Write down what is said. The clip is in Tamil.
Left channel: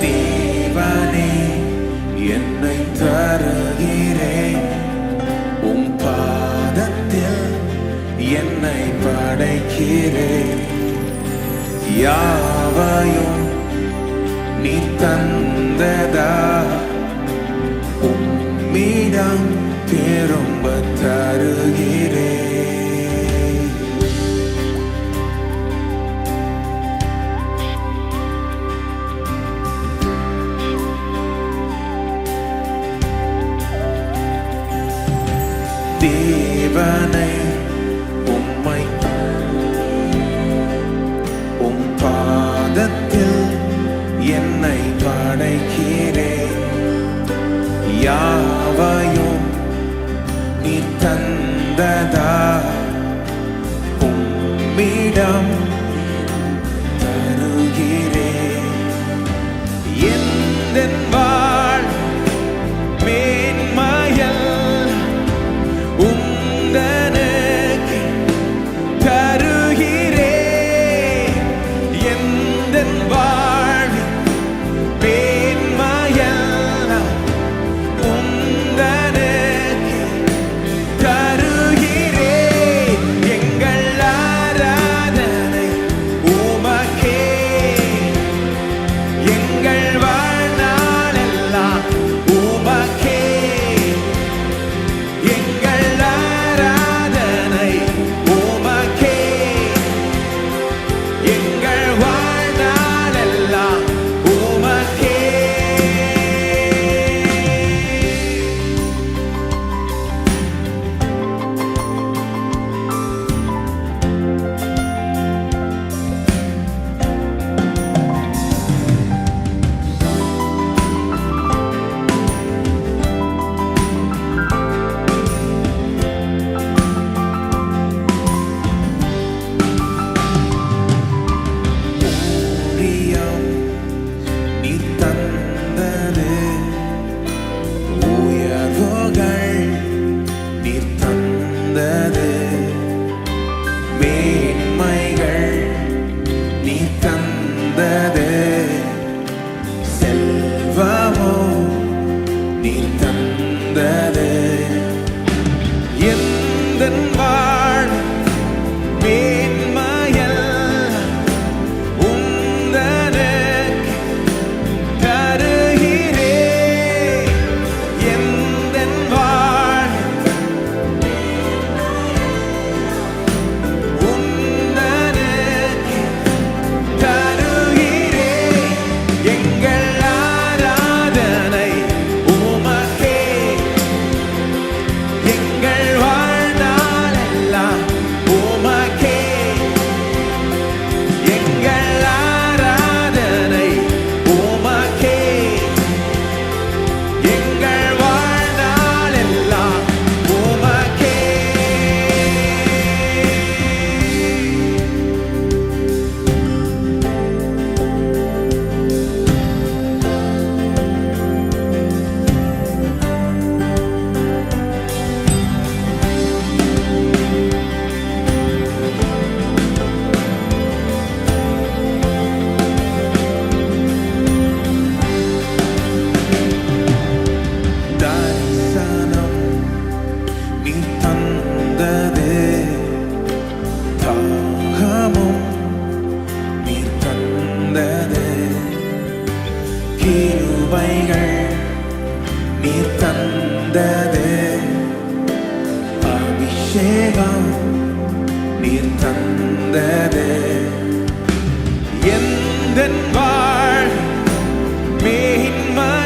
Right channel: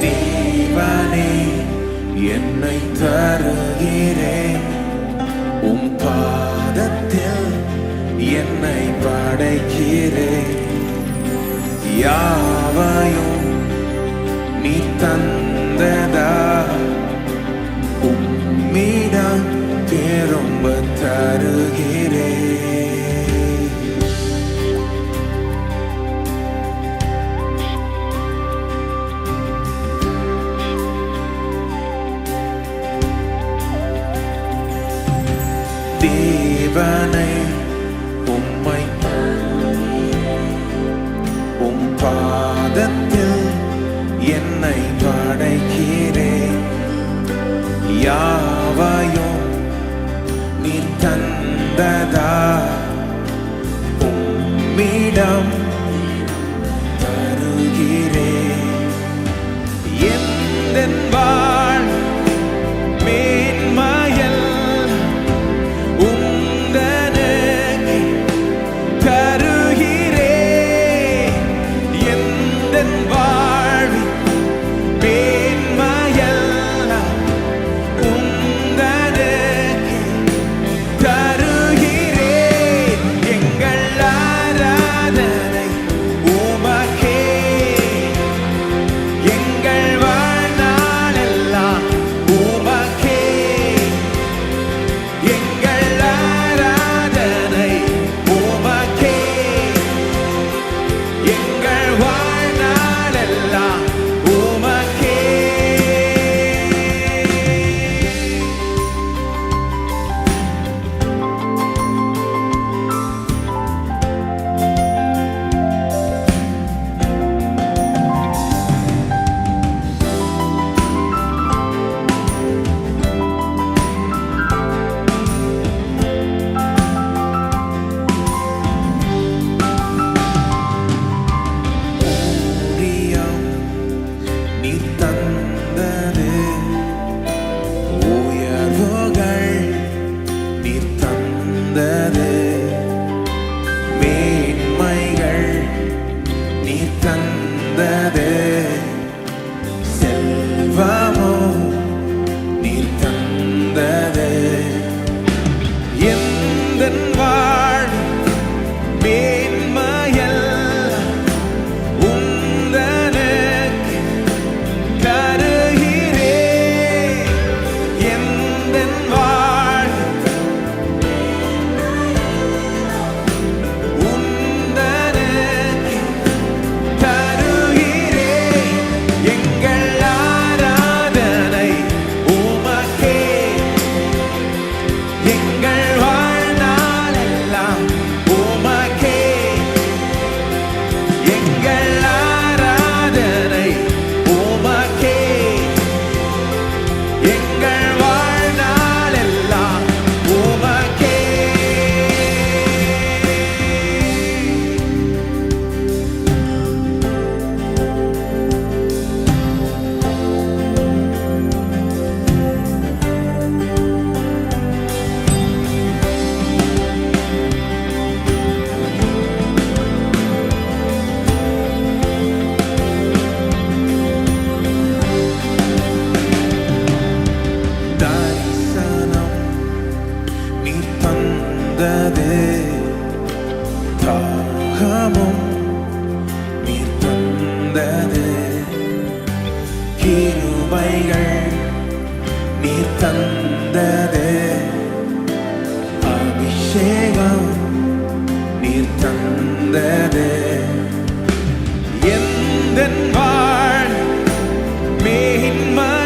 தேவனே என்னை தருகிறேன். உம் பாதத்தில் என்னை படைக்கிறேன். யாவையும் நீ தந்ததா? உம்மிடம் திரும்ப தருகிறேன். தேவனை உம்மை உம் பாதத்தில் என்னை படைக்கிறேன் யாவையும் நீ தந்ததா? உம்மிடம் தருகிறேன் ஊழியம் நீ தந்தது. உயர்வுகள் நீ தந்தது. மேன்மைகள் நீ தந்தது. செல்வமோ நீ தந்தது. எந்த வாழ் மேன்மை கிருபைகள் நீ தந்தது. அபிஷேகம் நீ தந்தது. எந்த வாழ் மேன்மையல்